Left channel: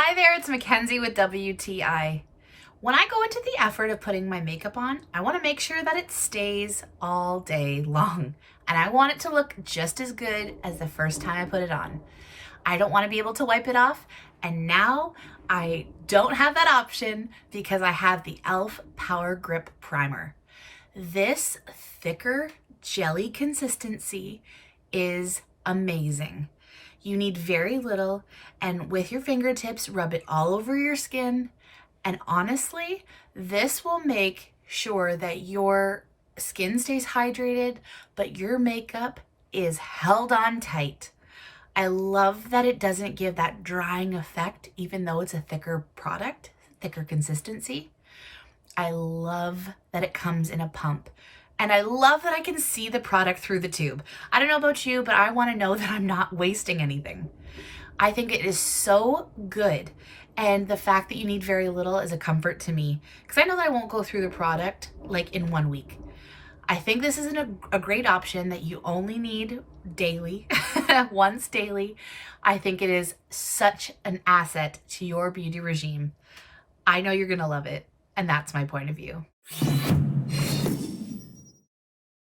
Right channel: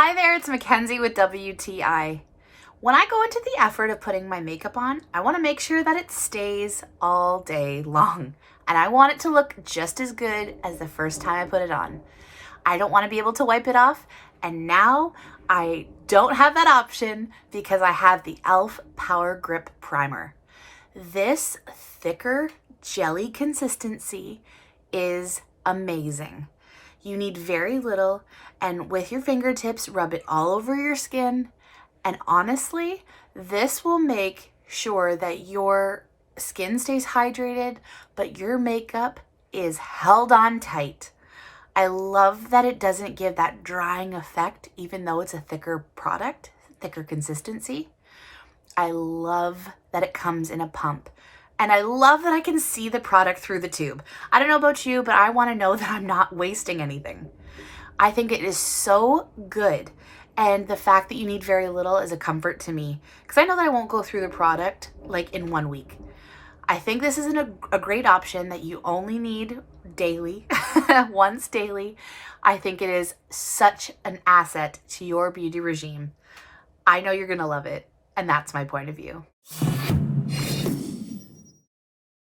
Hi there, it's Mackenzie with WTI. When I go into the effort of putting my makeup on, I want to make sure that it stays all day long. And I want it to look just as good as the first time I put it on. I don't want to be able to wipe it off. And now I don't have that option because I have the e.l.f. Power Grip Primer. This thicker jelly consistency is amazing. You need very little, and with your fingertips, rub it all over your skin. And honestly, this will make sure that your skin stays hydrated, but your makeup is held on tight. I love that it doesn't give that drying effect, even though it's a thicker product, thicker consistency. I love that it comes in a pump. And I love that I can see the product through the tube. I don't know about you, but I want to know that I'm not wasting anything. I think it is so good. And the fact that you need very little is a comfort to me because I know that I won't go through the product like in 1 week. I think this is a great option that you only need daily, once daily. I think it is such an asset to your beauty regime. I know you're going to love it. And that's my point of view.